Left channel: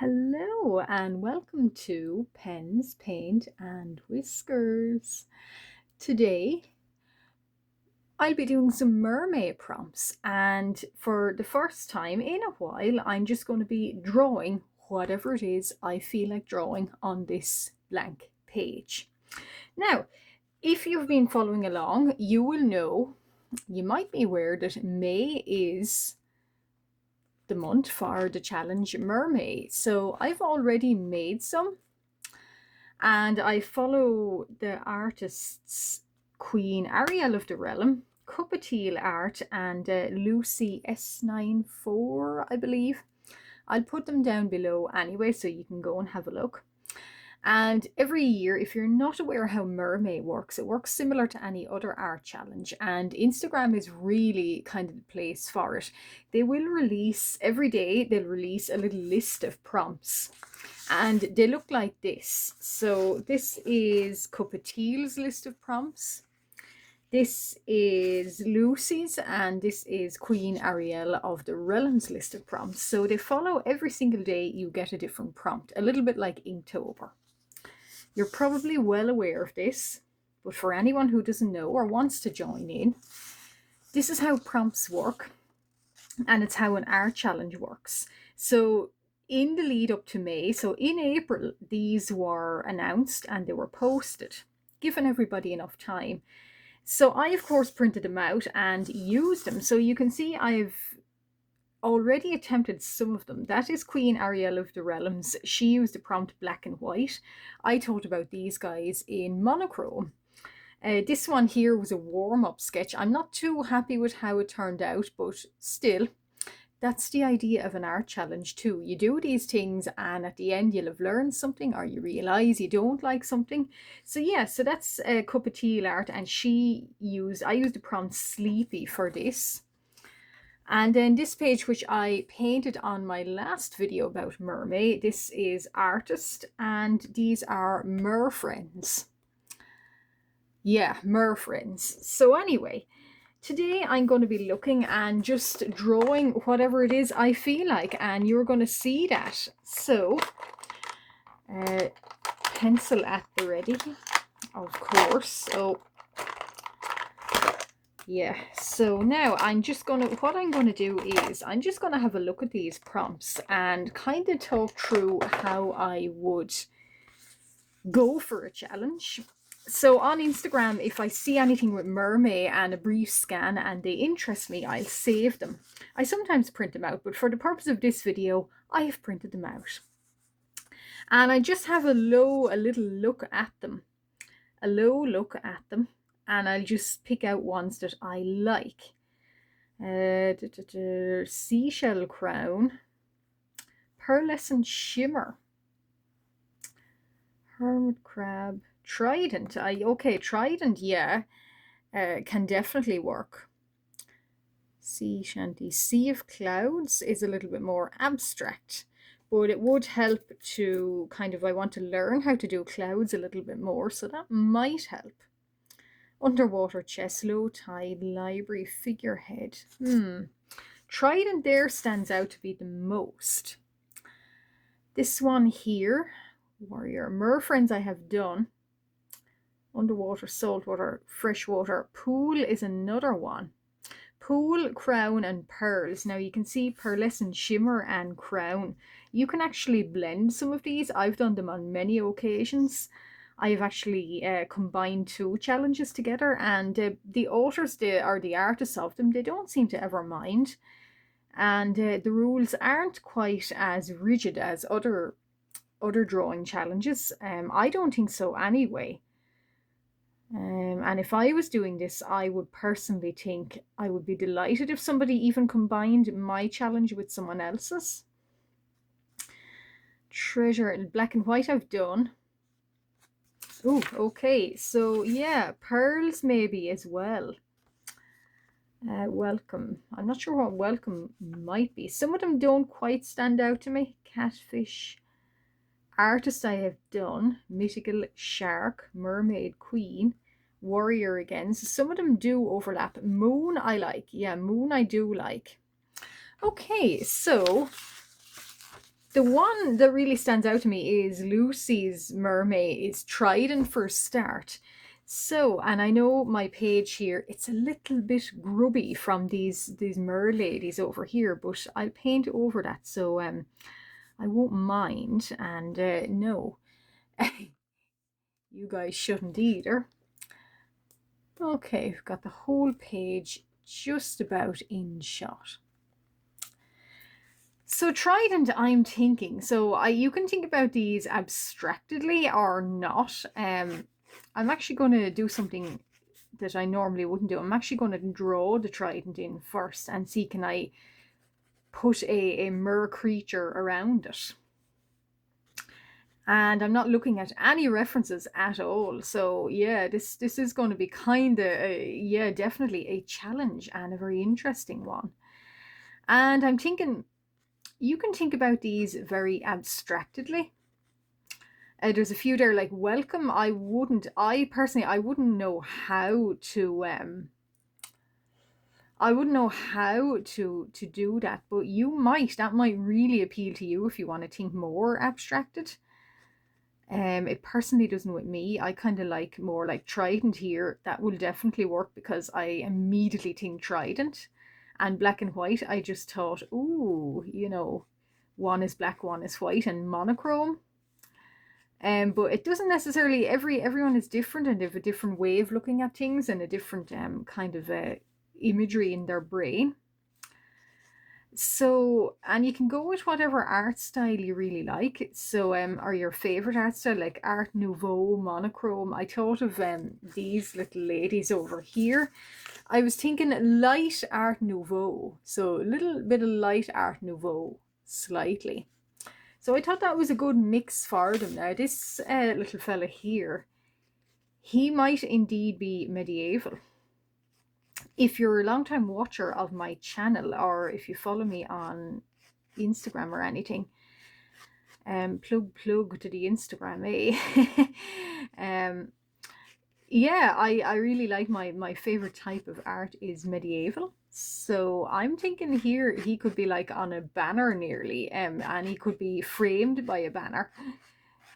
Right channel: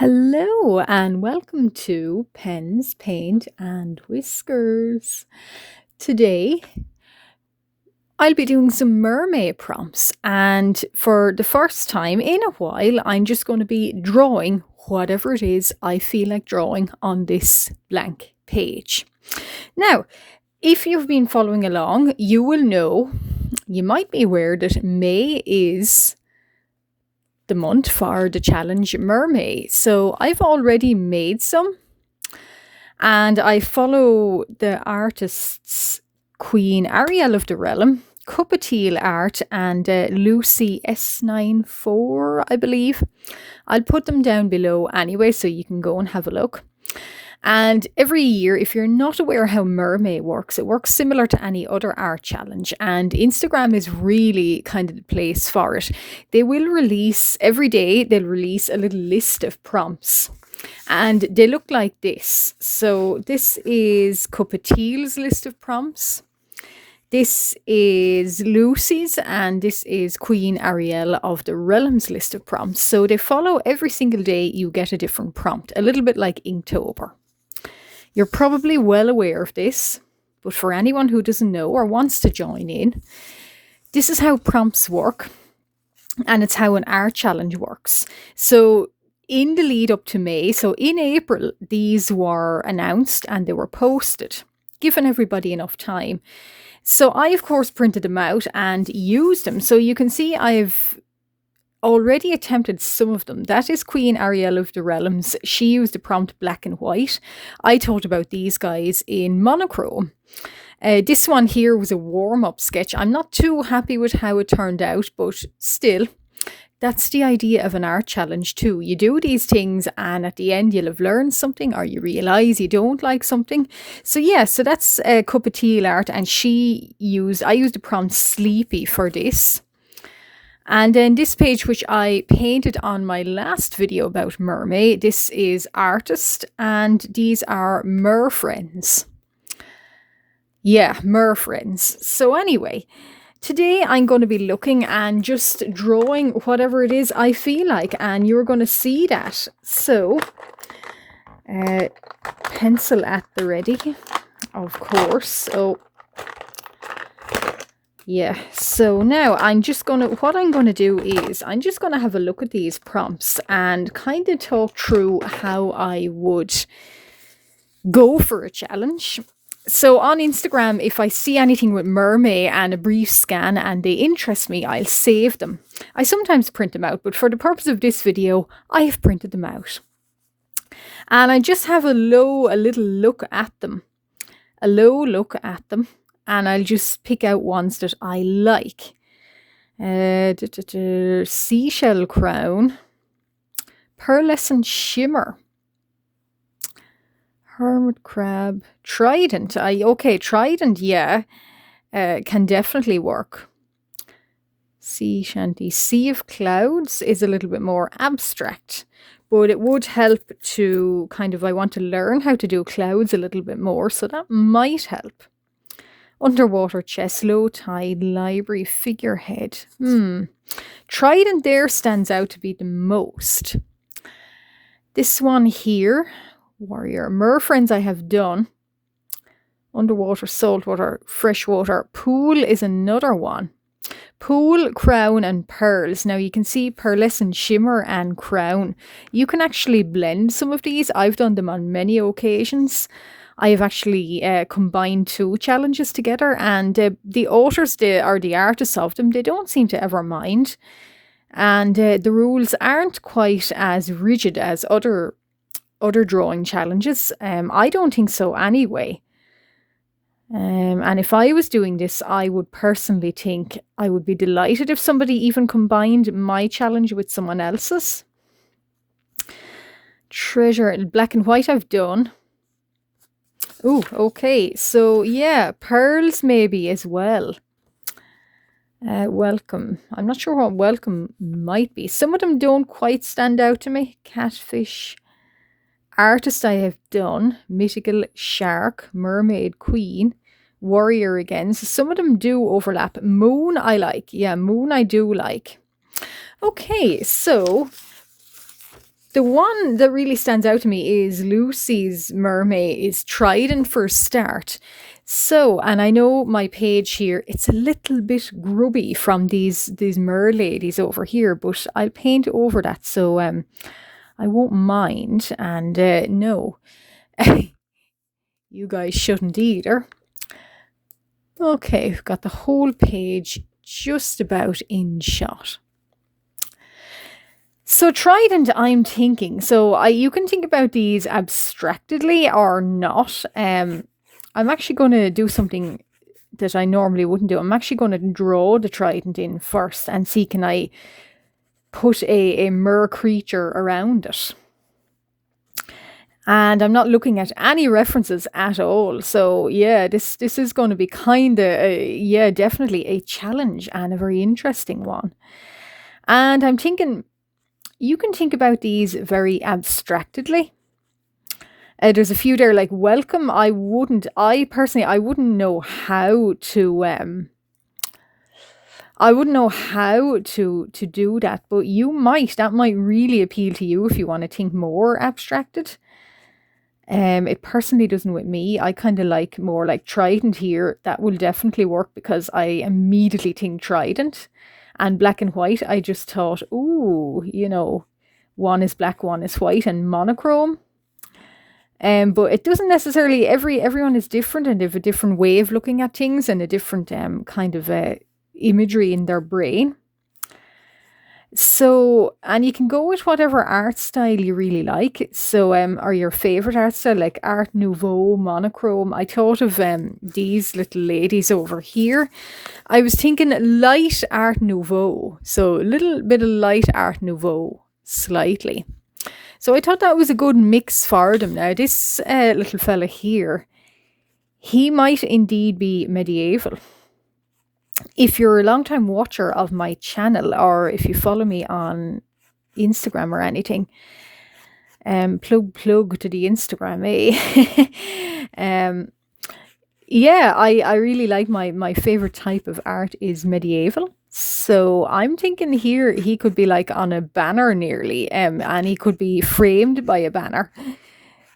Hello and welcome to Pens, Paint and Whiskers. Today I'll be doing some mermaid prompts, and for the first time in a while I'm just going to be drawing whatever it is I feel like drawing on this blank page. Now, if you've been following along, you will know, you might be aware that May is the month for the challenge Mermay. So I've already made some, and I follow the artists Queen Ariel of the Realm, Teal Art, and Lucy S94, I believe. I'll put them down below anyway, so you can go and have a look. And every year, if you're not aware how Mermay works, it works similar to any other art challenge, and Instagram is really kind of the place for it. They will release, every day, they'll release a little list of prompts, and they look like this. So this is Teal's list of prompts. This is Lucy's, and this is Queen Ariel of the Realms list of prompts. So they follow every single day, you get a different prompt, a little bit like Inktober. You're probably well aware of this, but for anyone who doesn't know or wants to join in, this is how prompts work, and it's how an art challenge works. So in the lead up to May, so in April, these were announced and they were posted, giving everybody enough time. So I, of course, printed them out and used them. So you can see I've already attempted some of them. That is Queen Ariel of the Realms. She used the prompt black and white. I thought about these guys in monochrome. This one here was a warm-up sketch. I'm not too happy with how it turned out, but still, that's the idea of an art challenge too. You do these things and at the end you'll have learned something, or you realise you don't like something. So yeah, so that's Teal Art, and I used the prompt sleepy for this. And then this page, which I painted on my last video about Mermay, this is Artist, and these are Mer Friends. Yeah, Mer Friends. So anyway, today I'm going to be looking and just drawing whatever it is I feel like, and you're going to see that. So, pencil at the ready, of course. So yeah, so now what I'm going to do is I'm just going to have a look at these prompts and kind of talk through how I would go for a challenge. So on Instagram, if I see anything with Mermay and a brief scan and they interest me, I'll save them. I sometimes print them out, but for the purpose of this video, I have printed them out. And I just have a low look at them. And I'll just pick out ones that I like. Seashell Crown, Pearlescent Shimmer, Hermit Crab, Trident. Trident, yeah, can definitely work. Sea Shanty. Sea of Clouds is a little bit more abstract, but it would help to I want to learn how to do clouds a little bit more, so that might help. Underwater Chest, Low Tide, Library, Figurehead. Trident there stands out to be the most. This one here, Warrior. Mer Friends I have done. Underwater, Saltwater, Freshwater. Pool is another one. Pool, Crown, and Pearls. Now you can see Pearlescent Shimmer and Crown. You can actually blend some of these. I've done them on many occasions. I have actually combined two challenges together, and the authors, the artists of them, they don't seem to ever mind. And the rules aren't quite as rigid as other drawing challenges. I don't think so anyway. And if I was doing this, I would personally think I would be delighted if somebody even combined my challenge with someone else's. Treasure, black and white I've done. Oh, okay. So yeah, pearls maybe as well. Welcome. I'm not sure what welcome might be. Some of them don't quite stand out to me. Catfish. Artist I have done. Mythical Shark. Mermaid Queen. Warrior again. So some of them do overlap. Moon I like. Yeah, Moon I do like. Okay, so The one that really stands out to me is Lucy's Mermay is trident for a start. So, and I know my page here, it's a little bit grubby from these mer ladies over here, but I'll paint over that, so I won't mind. And no, you guys shouldn't either. Okay, we've got the whole page just about in shot. So trident, I'm thinking. So you can think about these abstractedly or not. I'm actually going to do something that I normally wouldn't do. I'm actually going to draw the trident in first and see can I put a mer creature around it. And I'm not looking at any references at all. So yeah, this is going to be kind of, yeah, definitely a challenge and a very interesting one. And I'm thinking, you can think about these very abstractedly. There's a few there like welcome. I personally, I wouldn't know how to, do that, but that might really appeal to you if you want to think more abstracted. It personally doesn't with me. I kind of like more like trident here. That will definitely work because I immediately think trident. And black and white, I just thought, ooh, one is black, one is white, and monochrome. But it doesn't necessarily, everyone is different and they have a different way of looking at things and a different kind of imagery in their brain. So, and you can go with whatever art style you really like. So, or your favorite art style, like Art Nouveau, monochrome. I thought of these little ladies over here. I was thinking light Art Nouveau. So, a little bit of light Art Nouveau, slightly. So, I thought that was a good mix for them. Now, this little fella here, he might indeed be medieval. If you're a long-time watcher of my channel or if you follow me on Instagram or anything, plug to the Instagram, eh? Yeah, I really like my favorite type of art is medieval. So I'm thinking here he could be like on a banner nearly, and he could be framed by a banner.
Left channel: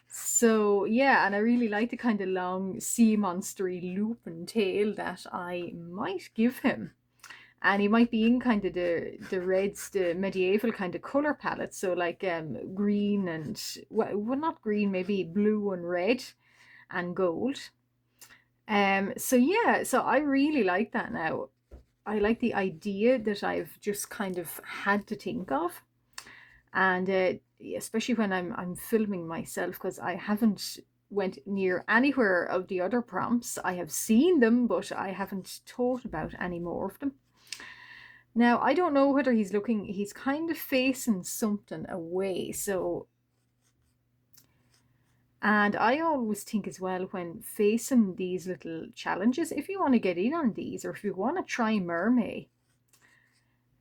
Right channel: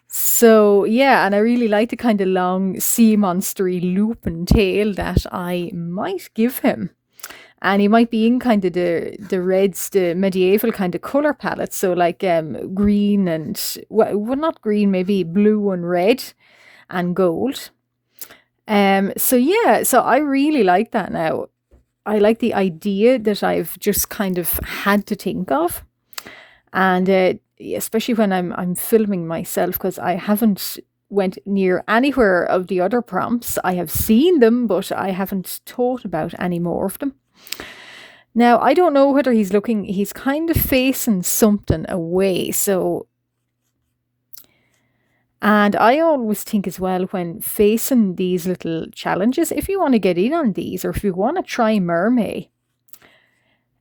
So yeah, and I really like the kind of long sea monstery looping tail that I might give him. And he might be in kind of the reds, the medieval kind of color palette. So like green and well not green, maybe blue and red and gold. So yeah, so I really like that now. I like the idea that I've just kind of had to think of. And especially when I'm filming myself because I haven't went near anywhere of the other prompts. I have seen them, but I haven't thought about any more of them. Now, I don't know whether he's kind of facing something away. So, and I always think as well when facing these little challenges, if you want to get in on these or if you want to try Mermay,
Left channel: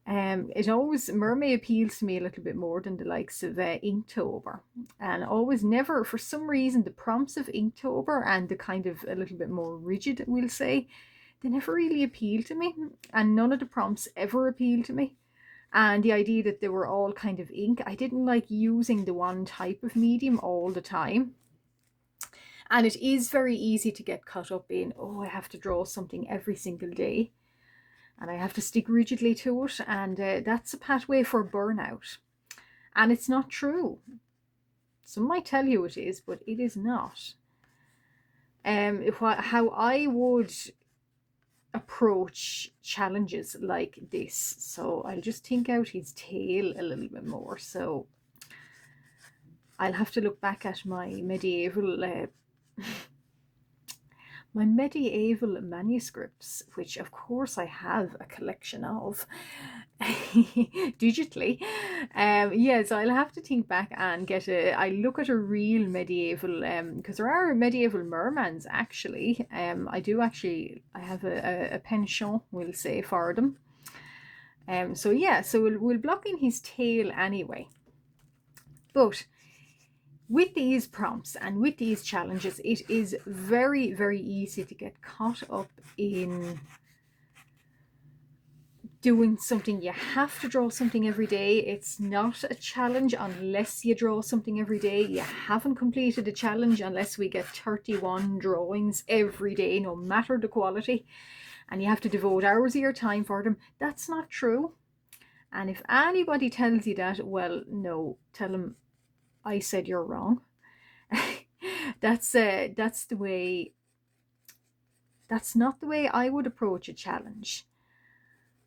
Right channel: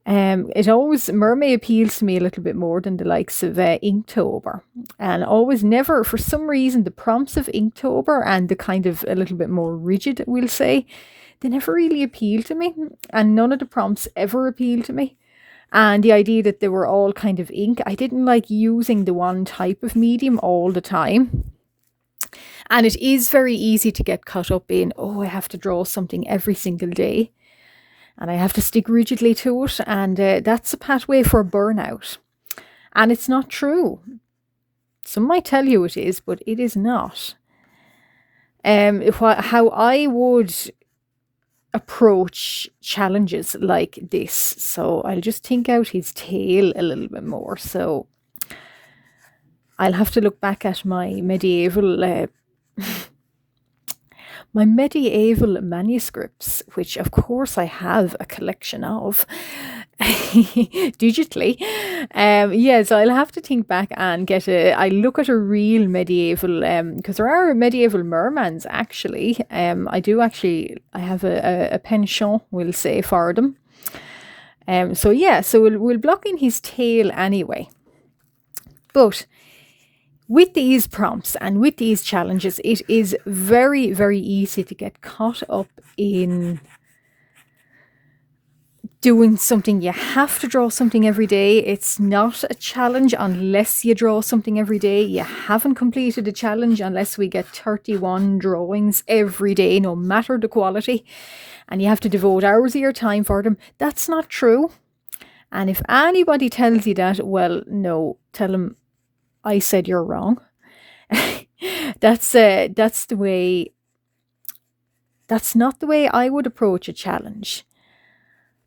Mermay appeals to me a little bit more than the likes of Inktober, and always never for some reason the prompts of Inktober and the kind of a little bit more rigid, we'll say, they never really appeal to me, and none of the prompts ever appeal to me. And the idea that they were all kind of ink, I didn't like using the one type of medium all the time. And it is very easy to get caught up in, oh, I have to draw something every single day and I have to stick rigidly to it, and that's a pathway for burnout. And it's not true. Some might tell you it is, but it is not. How I would approach challenges like this. So I'll just think out his tail a little bit more. So I'll have to look back at my medieval my medieval manuscripts, which of course I have a collection of digitally. Yeah, so I'll have to think back and I look at a real medieval, because there are medieval mermans actually. I have a penchant, we'll say, for them. So yeah, so we'll block in his tail anyway. But with these prompts and with these challenges, it is very, very easy to get caught up in doing something. You have to draw something every day. It's not a challenge unless you draw something every day. You haven't completed a challenge unless we get 31 drawings every day, no matter the quality, and you have to devote hours of your time for them. That's not true. And if anybody tells you that, well, no, tell them I said you're wrong. That's the way. That's not the way I would approach a challenge.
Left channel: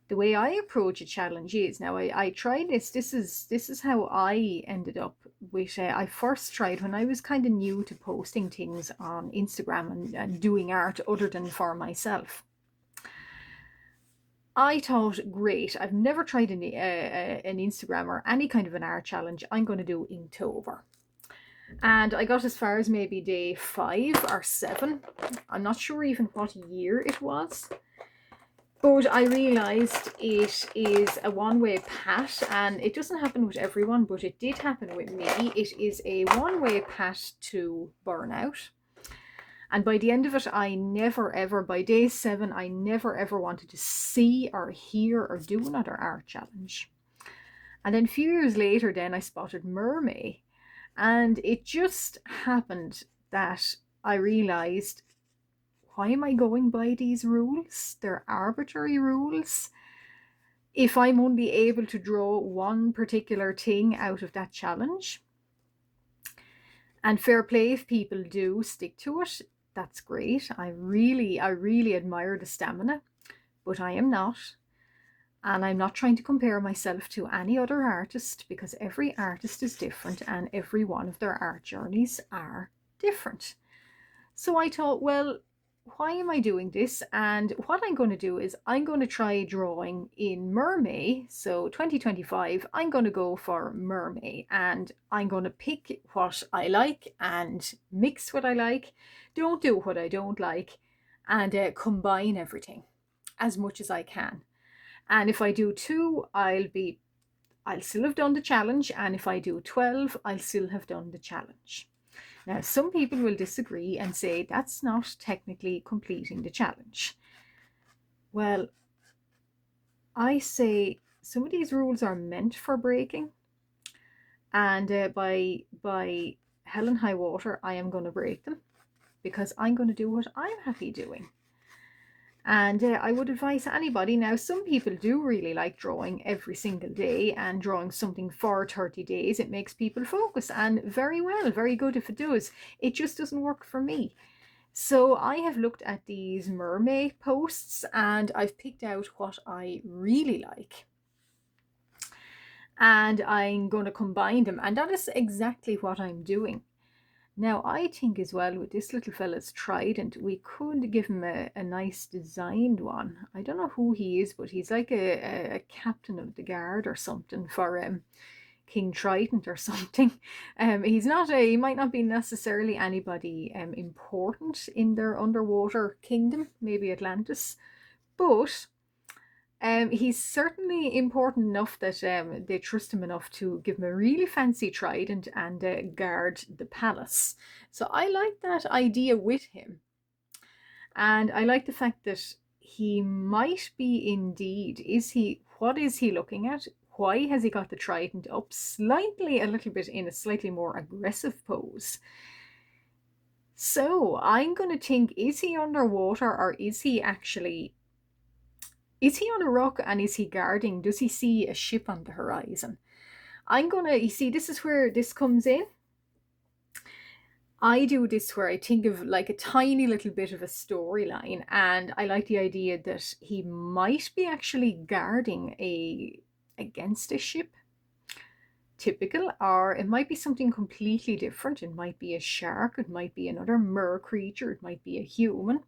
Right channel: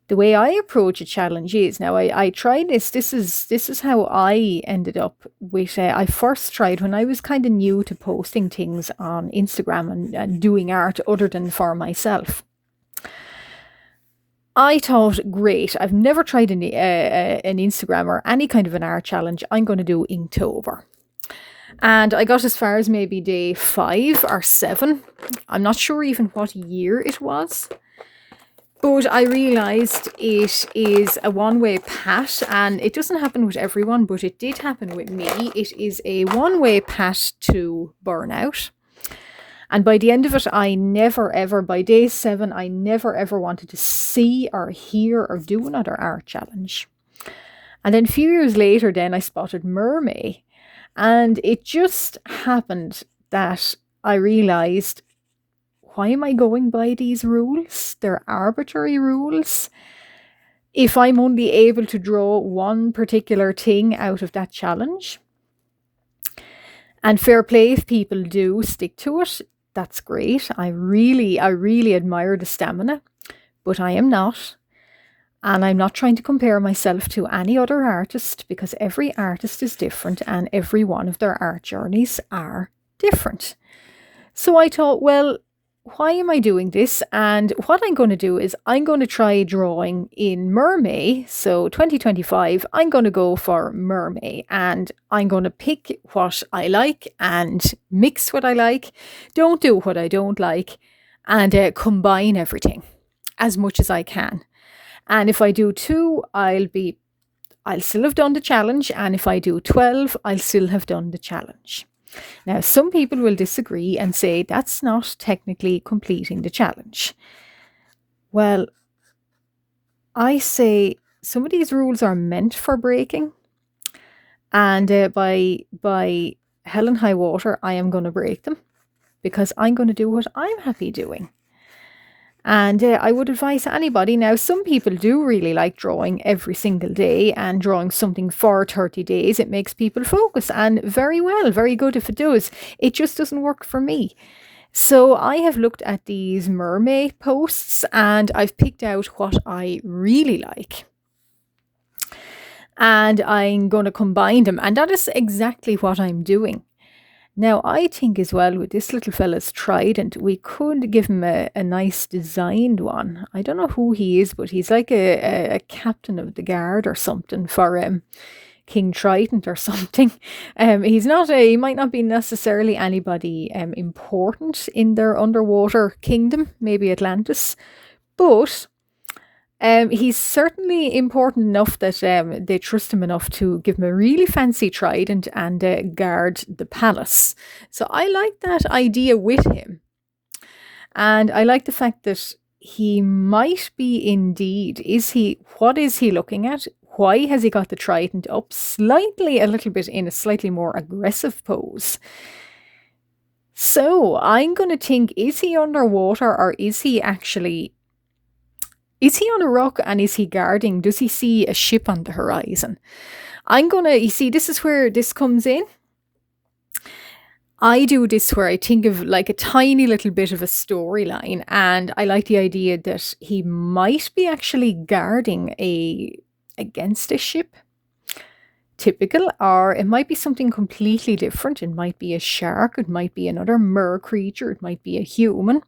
The way I approach a challenge is now. I tried this. This is how I ended up with. I first tried when I was kind of new to posting things on Instagram and doing art other than for myself. I thought, great, I've never tried an Instagram or any kind of an art challenge. I'm going to do Inktober. And I got as far as maybe day 5 or 7. I'm not sure even what year it was. But I realised it is a one-way path, and it doesn't happen with everyone, but it did happen with me. It is a one-way path to burnout. And by the end of it, I never ever, by day 7, I never ever wanted to see or hear or do another art challenge. And then a few years later, then I spotted Mermay. And it just happened that I realised, why am I going by these rules? They're arbitrary rules. If I'm only able to draw one particular thing out of that challenge, and fair play if people do stick to it, that's great. I really admire the stamina, but I am not. And I'm not trying to compare myself to any other artist, because every artist is different and every one of their art journeys are different. So I thought, well, why am I doing this? And what I'm going to do is I'm going to try drawing in Mermay. So 2025, I'm going to go for Mermay, and I'm going to pick what I like and mix what I like, don't do what I don't like, and combine everything as much as I can. And if I do 2, I'll still have done the challenge. And if I do 12, I'll still have done the challenge. Now, some people will disagree and say that's not technically completing the challenge. Well, I say some of these rules are meant for breaking. And by hell and high water, I am going to break them, because I'm going to do what I'm happy doing. And I would advise anybody. Now, some people do really like drawing every single day and drawing something for 30 days. It makes people focus, and very well, very good if it does. It just doesn't work for me. So I have looked at these Mermay posts and I've picked out what I really like. And I'm going to combine them. And that is exactly what I'm doing. Now, I think as well, with this little fella's trident, we could give him a nice designed one. I don't know who he is, but he's like a captain of the guard or something for King Trident or something. He might not be necessarily anybody important in their underwater kingdom, maybe Atlantis, but he's certainly important enough that they trust him enough to give him a really fancy trident and guard the palace. So I like that idea with him. And I like the fact that he might be indeed. What is he looking at? Why has he got the trident up slightly, a little bit in a slightly more aggressive pose? So I'm going to think, is he underwater, or is he on a rock, and is he guarding? Does he see a ship on the horizon? You see, this is where this comes in. I do this where I think of like a tiny little bit of a storyline, and I like the idea that he might be actually guarding against a ship. Typical, or it might be something completely different. It might be a shark, it might be another mer creature, it might be a human.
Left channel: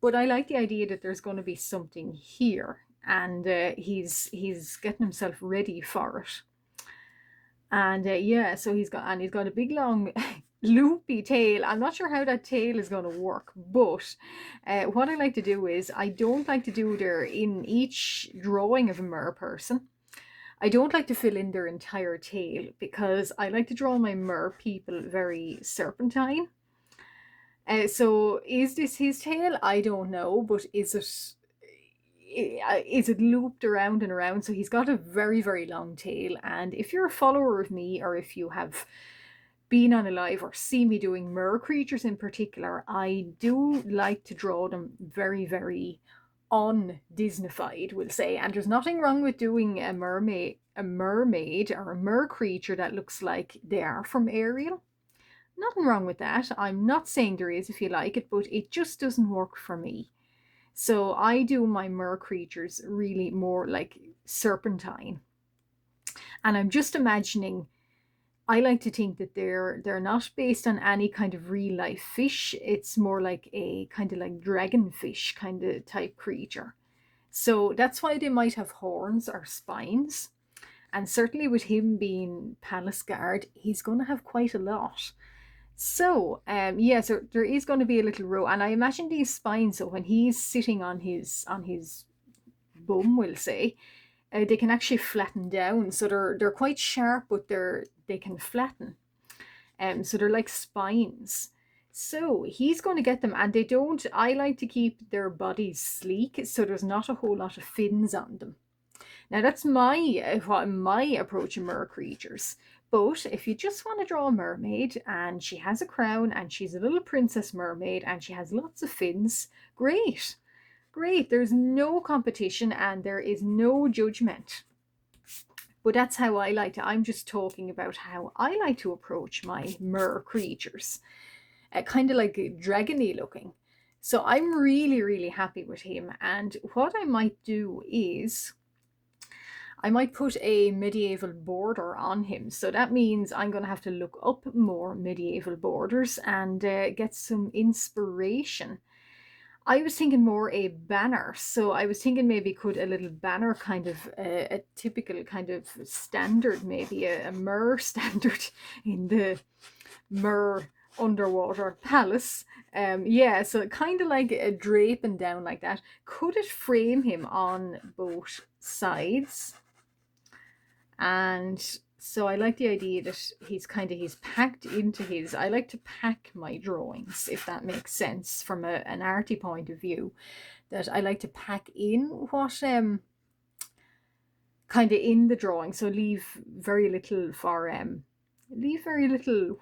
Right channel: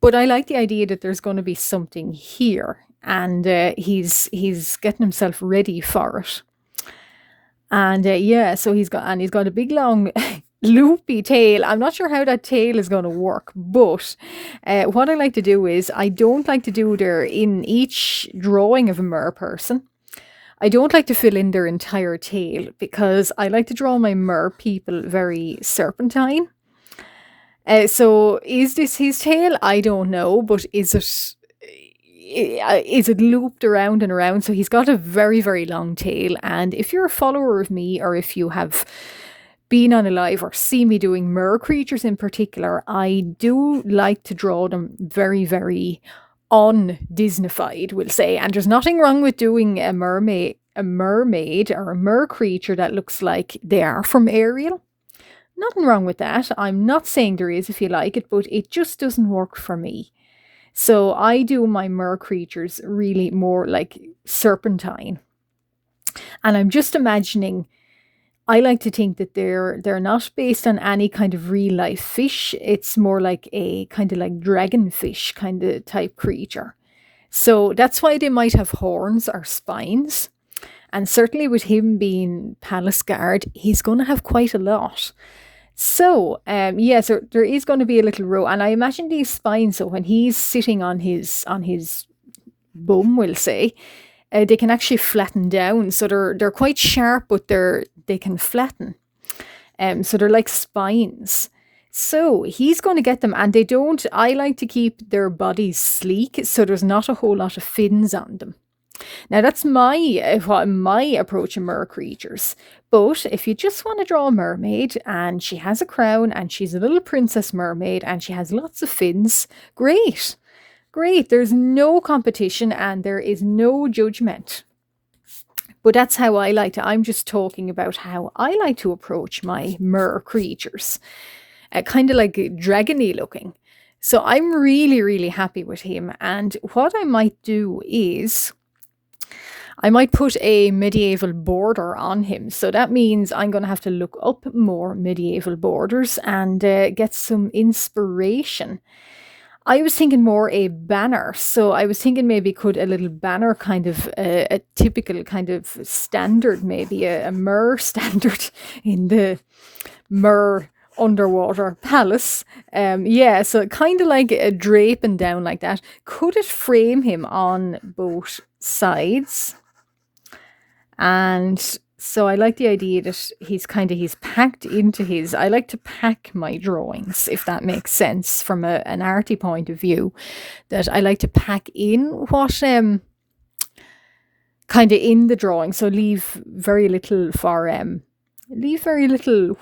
But I like the idea that there's going to be something here, and he's getting himself ready for it. And so he's got a big long loopy tail. I'm not sure how that tail is going to work, but what I like to do is, I don't like to do there in each drawing of a mer person, I don't like to fill in their entire tail, because I like to draw my mer people very serpentine. So is this his tail? I don't know, but is it? is it looped around and around. So he's got a very, very long tail. And if you're a follower of me, or if you have been on a live or see me doing mer creatures in particular, I do like to draw them very, very un-Disneyfied, we'll say. And there's nothing wrong with doing a mermaid or a mer creature that looks like they are from Ariel. Nothing wrong with that. I'm not saying there is if you like it, but it just doesn't work for me. So I do my mer creatures really more like serpentine. And I'm just imagining, I like to think that they're not based on any kind of real life fish. It's more like a kind of like dragonfish kind of type creature. So that's why they might have horns or spines. And certainly with him being palace guard, he's going to have quite a lot. So, yeah, so there is going to be a little row, and I imagine these spines. So when he's sitting on his bum, we'll say, they can actually flatten down. So they're quite sharp, but they can flatten. So they're like spines. So he's going to get them, and they don't. I like to keep their bodies sleek, so there's not a whole lot of fins on them. Now that's my approach to mer creatures. But if you just want to draw a mermaid and she has a crown and she's a little princess mermaid and she has lots of fins, great. Great. There's no competition and there is no judgment. But that's how I like to. I'm just talking about how I like to approach my mer creatures. Kind of like dragony looking. So I'm really, really happy with him. And what I might do is I might put a medieval border on him. So that means I'm going to have to look up more medieval borders and get some inspiration. I was thinking more a banner. So I was thinking maybe could a little banner kind of a typical kind of standard, maybe a mer standard in the mer underwater palace. Yeah, so kind of like a draping down like that. Could it frame him on both sides? And so I like the idea that he's packed into his. I like to pack my drawings, if that makes sense from an arty point of view. That I like to pack in what kind of in the drawing. So leave very little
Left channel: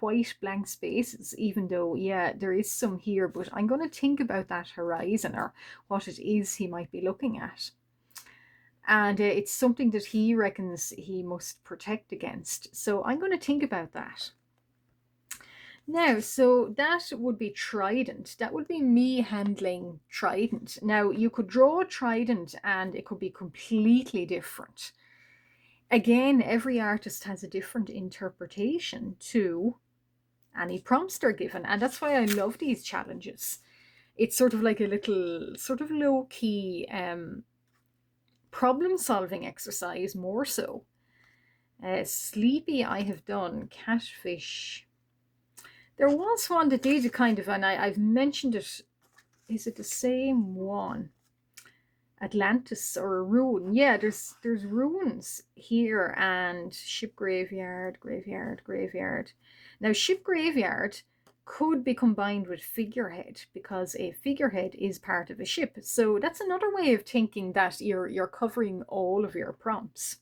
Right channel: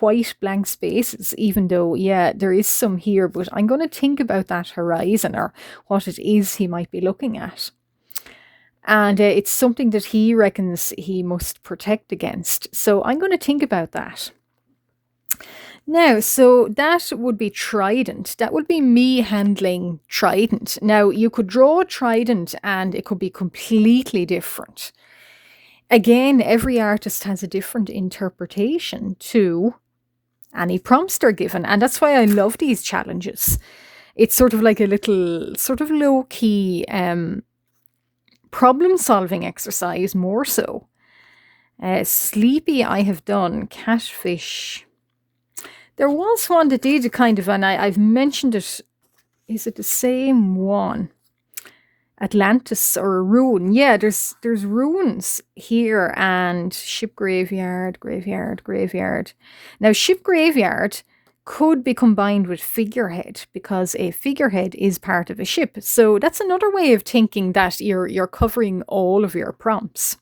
white blank spaces, even though, yeah, there is some here, but I'm going to think about that horizon or what it is he might be looking at. And it's something that he reckons he must protect against. So I'm going to think about that. Now, so that would be Trident. That would be me handling Trident. Now, you could draw a Trident and it could be completely different. Again, every artist has a different interpretation to any prompts they're given. And that's why I love these challenges. It's sort of like a little sort of low-key problem-solving exercise, more so. Sleepy I have done. Catfish. There was one that did a kind of, and I've mentioned it. Is it the same one? Atlantis or a ruin. Yeah, there's ruins here and ship graveyard. Now, ship graveyard could be combined with figurehead because a figurehead is part of a ship. So that's another way of thinking that you're covering all of your prompts.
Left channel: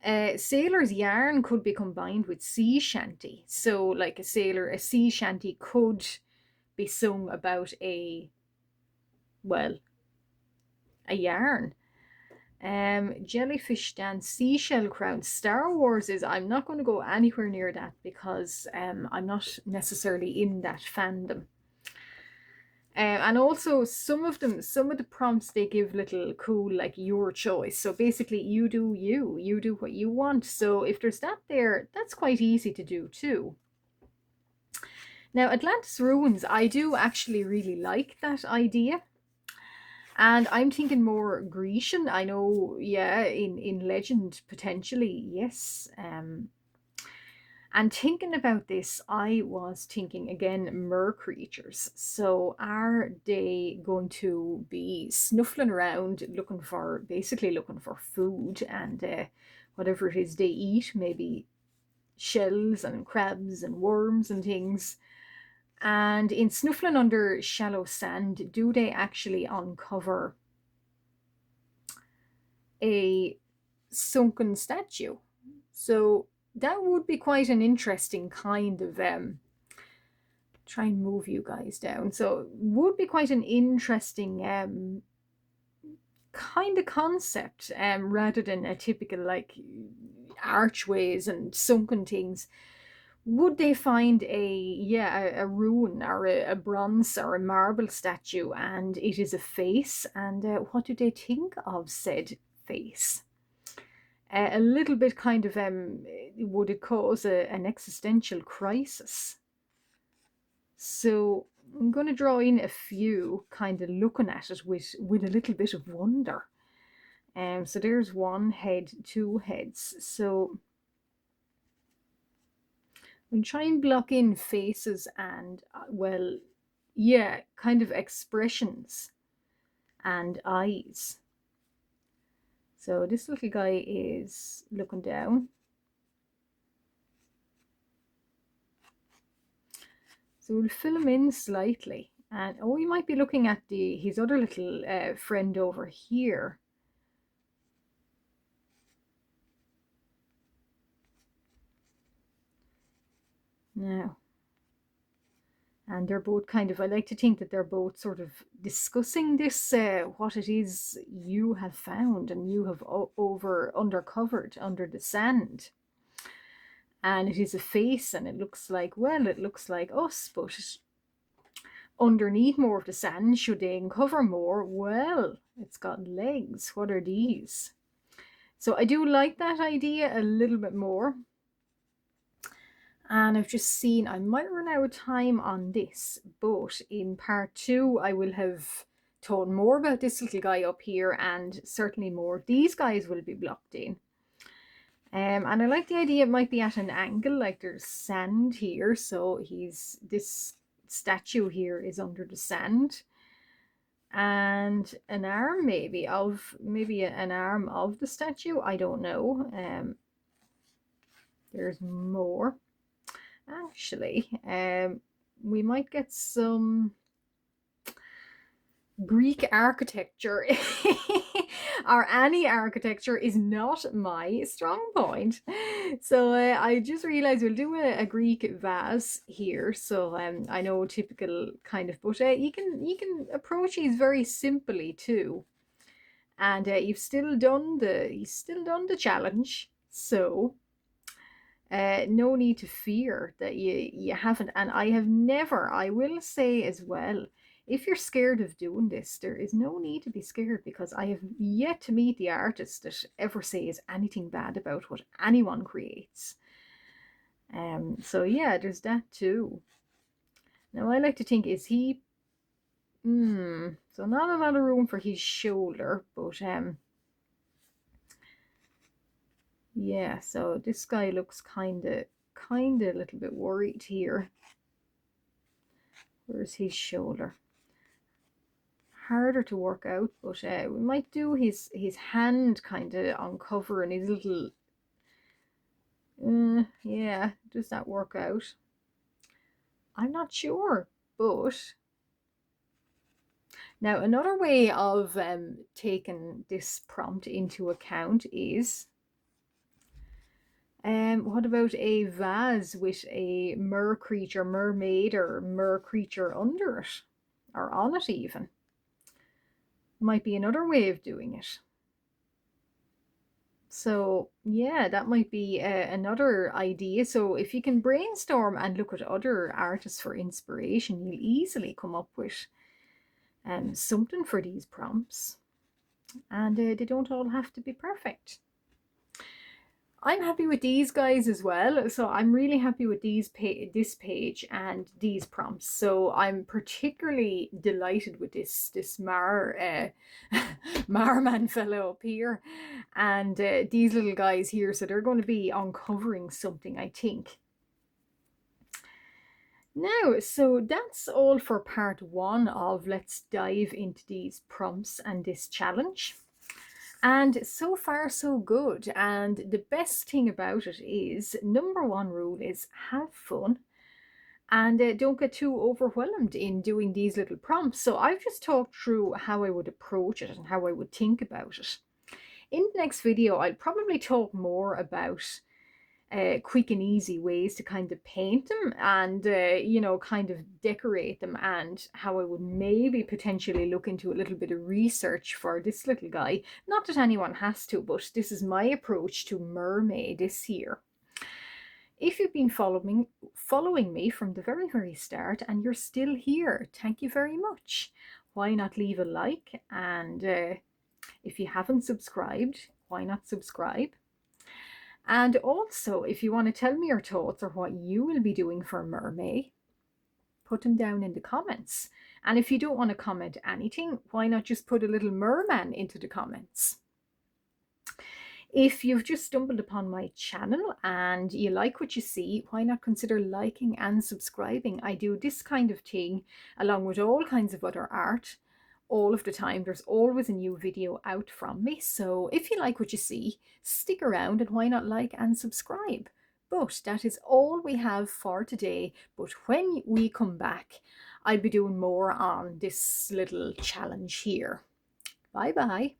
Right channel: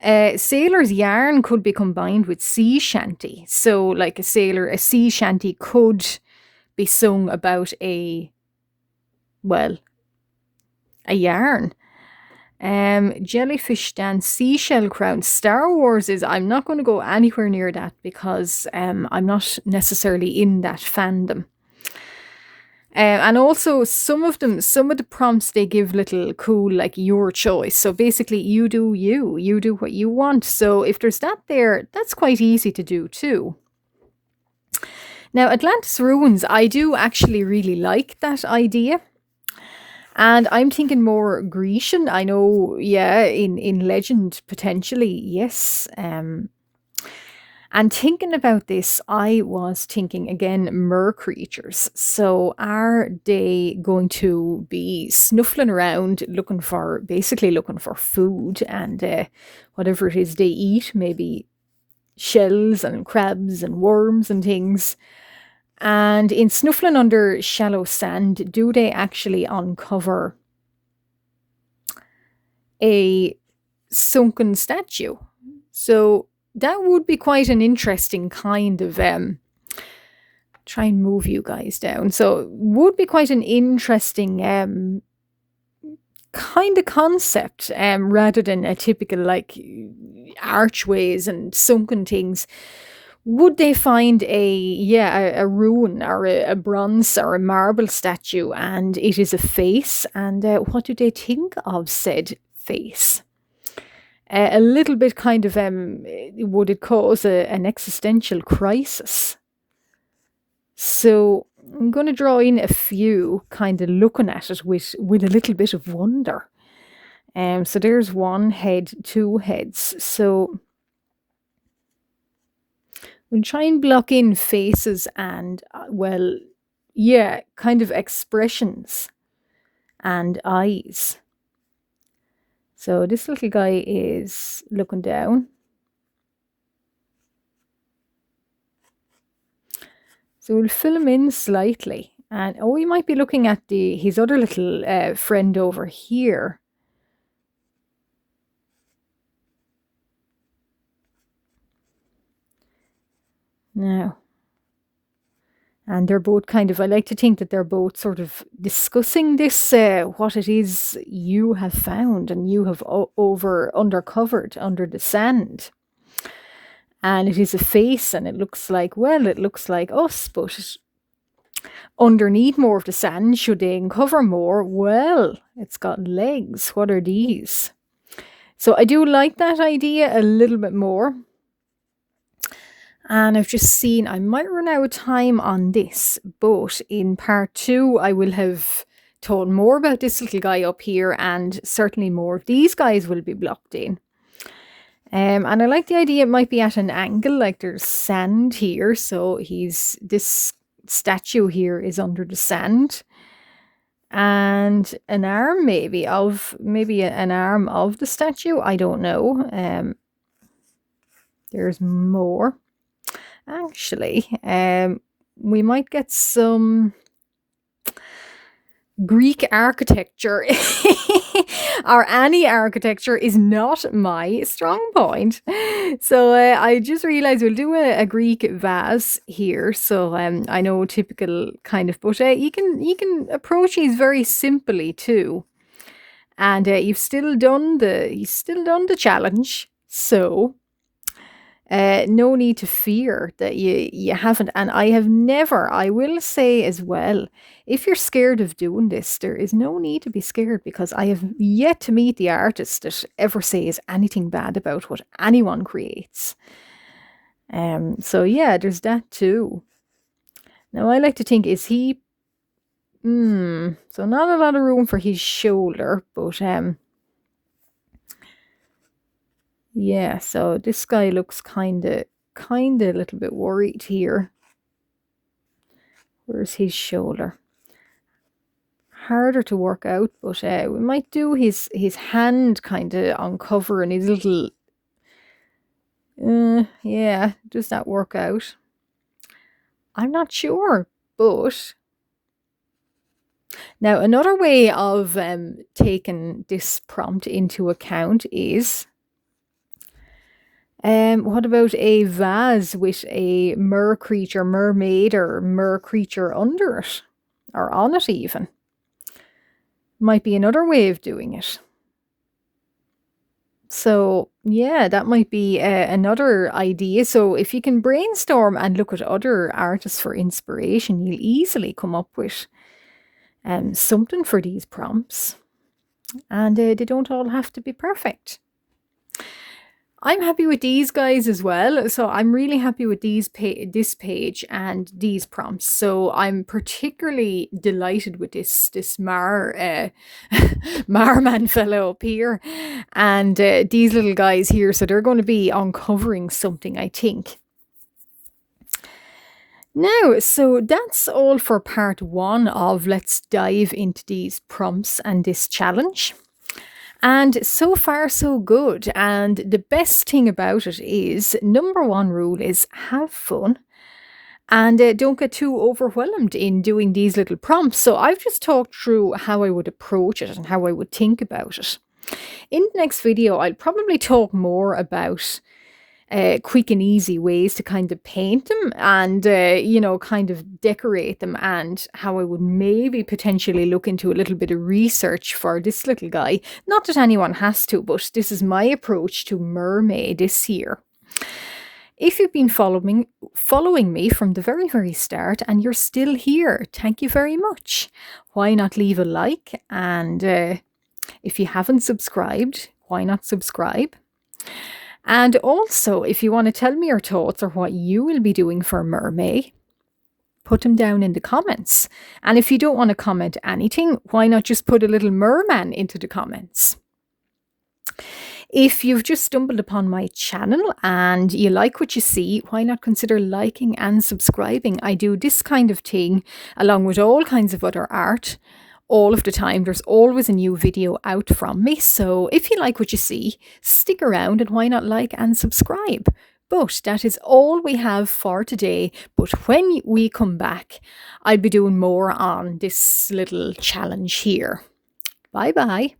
Sailor's yarn could be combined with sea shanty. So like a sea shanty could be sung about a yarn. Jellyfish dance, seashell crown. Star Wars is, I'm not going to go anywhere near that because I'm not necessarily in that fandom. And also some of the prompts, they give little cool, like your choice. So basically you do what you want. So if there's that there, that's quite easy to do too. Now, Atlantis Ruins, I do actually really like that idea. And I'm thinking more Grecian. I know, yeah, in legend, potentially, yes. And thinking about this, I was thinking, again, mer creatures. So are they going to be snuffling around, basically looking for food and whatever it is they eat, maybe shells and crabs and worms and things. And in snuffling under shallow sand, do they actually uncover a sunken statue. So that would be quite an interesting kind of try and move you guys down. So would be quite an interesting kind of concept, rather than a typical like archways and sunken things. Would they find a ruin or a bronze or a marble statue, and it is a face? And what do they think of said face? A little bit kind of would it cause an existential crisis? So I'm going to draw in a few, kind of looking at it with a little bit of wonder. So there's one head, two heads. So we'll try and block in faces and, well, yeah, kind of expressions and eyes. So this little guy is looking down. So we'll fill him in slightly. And oh, we might be looking at his other little friend over here. Now. And they're both kind of, I like to think that they're both sort of discussing this, what it is you have found and you have undercovered under the sand. And it is a face, and it looks like, well, it looks like us, but underneath more of the sand, should they uncover more? Well, it's got legs. What are these? So I do like that idea a little bit more. And I've just seen I might run out of time on this, but in part 2, I will have told more about this little guy up here, and certainly more of these guys will be blocked in. And I like the idea it might be at an angle, like there's sand here, so this statue here is under the sand. And an arm maybe an arm of the statue, I don't know. There's more. Actually, we might get some Greek architecture or any architecture is not my strong point. So I just realized we'll do a Greek vase here. So I know typical kind of, but you can approach these very simply too. And you've still done the challenge. So no need to fear that you haven't. And I will say as well, if you're scared of doing this, there is no need to be scared, because I have yet to meet the artist that ever says anything bad about what anyone creates. So yeah, there's that too. Now I like to think, is he so not a lot of room for his shoulder, but yeah, so this guy looks kind of a little bit worried here. Where's his shoulder? Harder to work out, but we might do his hand kind of uncovering his little. Yeah, does that work out? I'm not sure, but now another way of taking this prompt into account is. What about a vase with a mermaid or mer creature under it, or on it even? Might be another way of doing it. So yeah, that might be another idea. So if you can brainstorm and look at other artists for inspiration, you'll easily come up with something for these prompts. And they don't all have to be perfect. I'm happy with these guys as well. So I'm really happy with this page and these prompts. So I'm particularly delighted with this Marman fellow up here, and these little guys here. So they're going to be uncovering something, I think. Now, so that's all for part 1 of Let's Dive into these prompts and this challenge. And so far, so good. And the best thing about it is, number 1 rule is have fun. And don't get too overwhelmed in doing these little prompts. So I've just talked through how I would approach it and how I would think about it. In the next video, I'll probably talk more about quick and easy ways to kind of paint them and, kind of decorate them, and how I would maybe potentially look into a little bit of research for this little guy. Not that anyone has to, but this is my approach to Mermay this year. If you've been following me from the very, very start and you're still here, thank you very much. Why not leave a like? And if you haven't subscribed, why not subscribe? And also, if you want to tell me your thoughts or what you will be doing for Mermay, put them down in the comments. And if you don't want to comment anything, why not just put a little merman into the comments? If you've just stumbled upon my channel and you like what you see, why not consider liking and subscribing? I do this kind of thing along with all kinds of other art all of the time. There's always a new video out from me. So if you like what you see, stick around, and why not like and subscribe? But that is all we have for today. But when we come back, I'll be doing more on this little challenge here. Bye bye.